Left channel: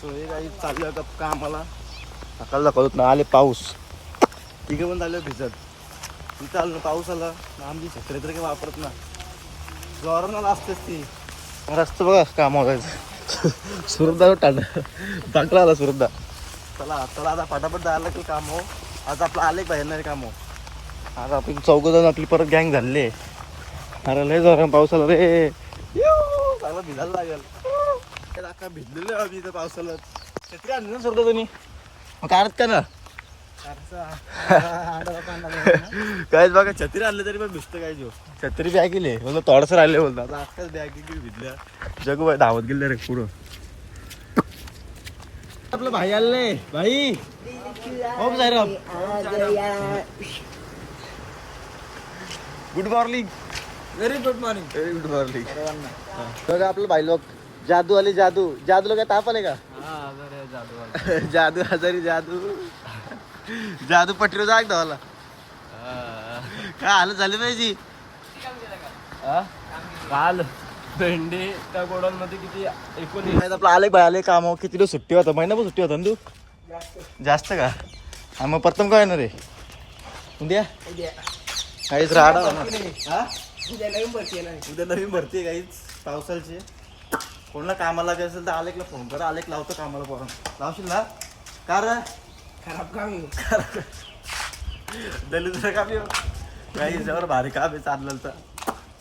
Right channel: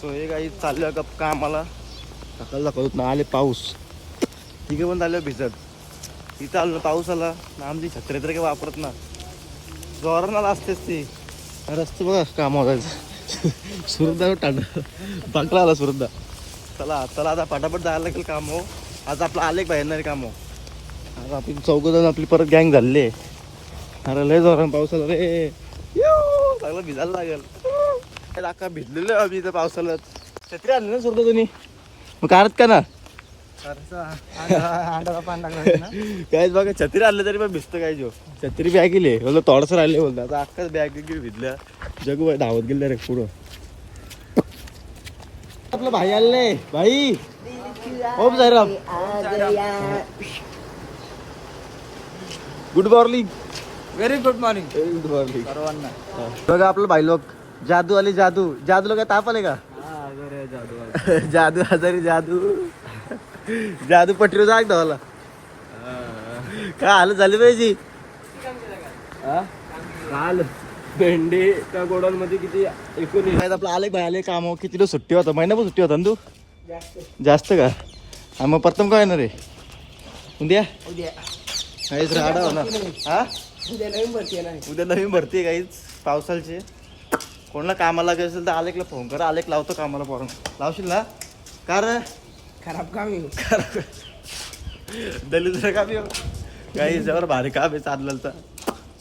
So हे काही चाललं का आम्हाला सकाळ दाखवत ना आले पाऊस. तिघं पण चाललं भिजत. ती चाललं पाऊस आला. ना आमची छत्री तर काही वापरत ना जोरानं असतेच ती. रस्ता बघा काम होतायचं सुरदा टाण बांकला आला सुरदा. चला चला आता फटाफट जायला लागेल काम हो. आज आपलं आलेख बाहेर काम हो. आज आपण चौघ जण आपली परत गँग झाले अरे लय जोरानं पाऊस आला रे. चांगलं भिजायला लागेल. अख्खा भिजलेलो आम्ही इथं पावसाला छत्री आणली ना सुरदा तुम्ही? मग काढत का ना? काय बघा छत्री आणलं तरी पण भिजतं काय जो छत्री बॅग गेली बोलतो थोडंसं राहिले बोलतो आता अख्खाच बॅग गेली भिजल्या. जगू धावत गेले रे पुढं. आपलं भाई आले भाई. Om Sairam. Good morning very good morning very good morning बघा आपलं भाई लोक जादू आली जादू. जादू काय ताप आले का? जादू हजारी जादू जादू. पटरी जाग धावला काय हालत झाली पाहिजे? काल भेंडी त्या गोडाऊन मध्ये किती एकोणीस नाही आपलं आले बाय आले काम. किती दिवस सुट्टी होता? महिनाभर सुट्टी होता ना तू? जास्त. का? हा मग प्रथम काय येणार रे उद्या? काहीच राडा होणार. हा उद्या नवीन भरती आहे. उद्या नवीन भरती आहे काहीच. पावसाळची कोणाला कामाला लागायचं असेल तर आलेकला फोन करा. आलेक लावतो कामाला पोरण लावशील ना? का रे? खराब काम आहे दलित काम येऊ काही जवळ भारी काम आहे चाललेलं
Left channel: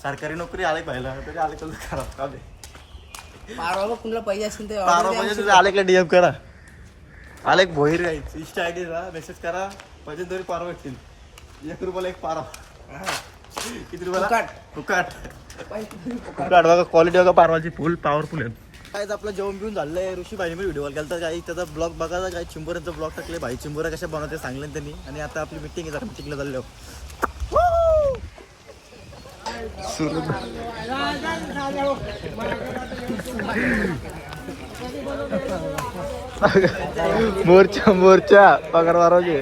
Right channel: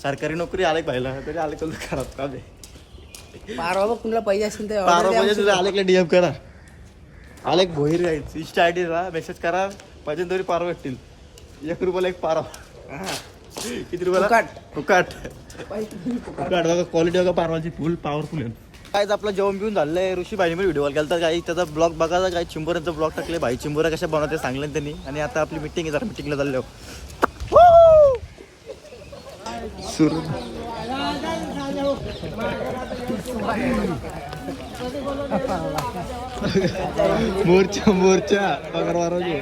सरकारी नोकरी आलेक पाहिला तरी आलेक खराब काम आहे. पारवा कुणाला पाहिजे असेल तर पारो order द्या म्हणजे तुझ्या आलेकला डीएम करा. आलेक भोईर गाईच इन्स्टा आय ला मेसेज करा. पाहिजे तरी पारो भेटतील. एक रुपयाला एक पारा हा. किती रुपयाला? फुकट. बघा क्वालिटी बघा पारवाची फुल पॉवरफुल आहे. काय आपलं जेवण बिवून झालंय. ऋषी भाईने व्हिडिओ केला तर काही त्याचा ब्लॉग बघा काही चिंबोऱ्यांचा ब्लॉग टाकले. भाई चिंबोऱ्या कशा बनवते सांगले त्यांनी. आणि आता आपली मिटिंग आहे जरा मिटिंगला चाललो मोर्चा मोर्चा. पगार वारवले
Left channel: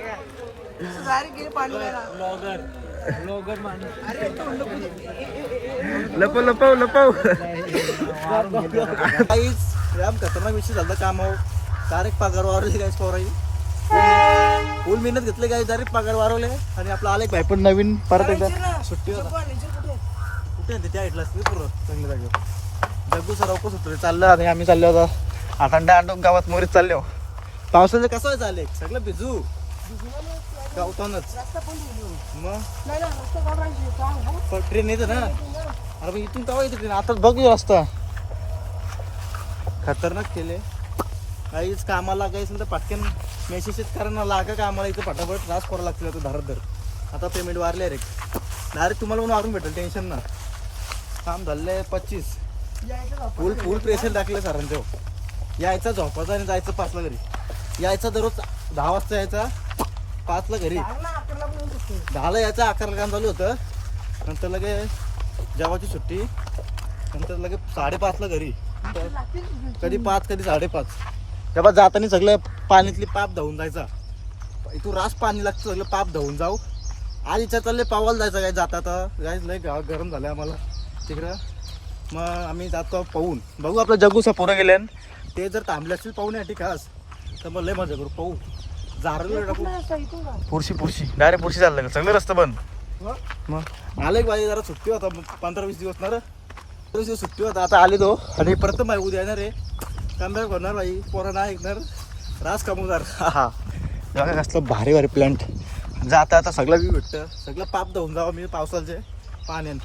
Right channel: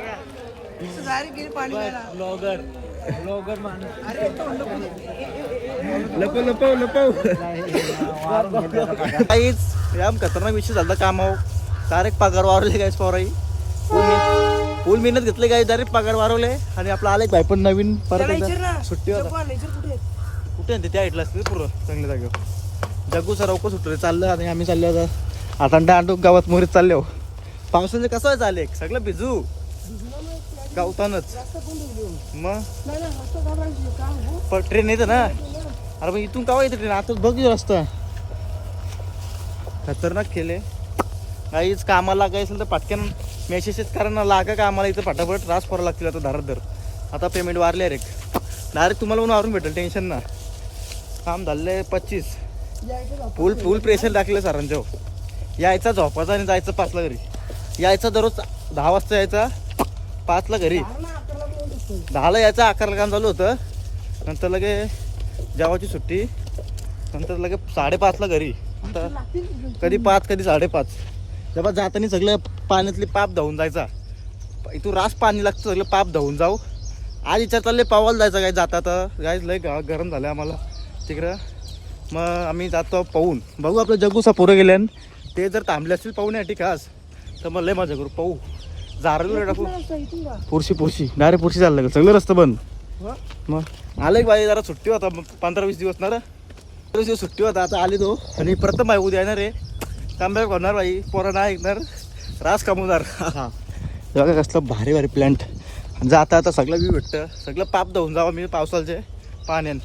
लपव लपव लपव. काहीच या खतरनाक विषय झाला कामाव डायरेक्ट पगार वारवले काय पोराई फुल मेहनत घेतले काय डायरेक्ट पगार वारवले आणि आपला आले भाई पण नवीन परत एकदा. सुट्टी होता. जगू जगू कुठे? त्या ऐकलं असते पूर्ण चांगल्या जागेवर. जग्गू सर अवको सुटले चाललं आणि आम्ही चाललो आता. आता अंडा गावात मोरे चालले हो. पावसाचं कसं चालले सगळं भिजू. गावतानच. मग पण ट्रेन येतं ना. अरे मग इथून कावा येते ट्रेन? आताच बघ रस्ता. खतरनाक केले काहीच कामाला लागायचं असेल तर पटकन मेसेज कारण लागा कामाला इथं फटाफट त्रास करावं लागतील आता धारत धर. आता पेमेंट वारले रे. डायरेक्ट तुम्हाला पण वारून भेटेल टेन्शन ना. काम झालंय पच्चीस. फुल फुल प्रेशर टाकलं सरांच्या यायचा झोपायचा आणि जायचं पाचला घरी. यायचा दररोज दहा वाजता यायचा. पाचला घरी. दहाला यायचं आकारला काम चालू होतं. नंतर लगे जेवाची सुट्टी. नंतर लगे साडेपाचला घरी. तर कधी पाच कधी साडेपाच. जेव्हा जाताना सगळं पाण्यातली पाप धावून जायचा. इथून रास पाणी लागतं सगळं पाप धावून जाऊ. आज इच्छा चालले पावाला जायचं काय जाता तर गाय लय गा गरम झालं आम्हाला. तिकडं. मग आम्ही जातो पाहून. बघू आपलं जगूसा पुरं गेले ते जर थांबले असतील पाहून या ठिकास. तर मग लय मजा करू. पाहू. टाकू. का? पुरशी पुरशी. नाही रे पुरशी झालं सगळे रस्ते बंद. हो? मग? आले बाई जरा सुट्टी होता. पंधरा वीस दिवस ना पंधरा दिवस सुट्टी होता. आता आले तो. आणि परत बाई उद्या येणार रे कमबॅक होणार बाई. पोरं नाही ऐकणार. रास कमवणार हा बघा कसलं भारी भारी प्लॅन्ट जाता आता सगळं बी भेटतं. सगळं पाप धावून जावं मी पावसाचे पाण्यान.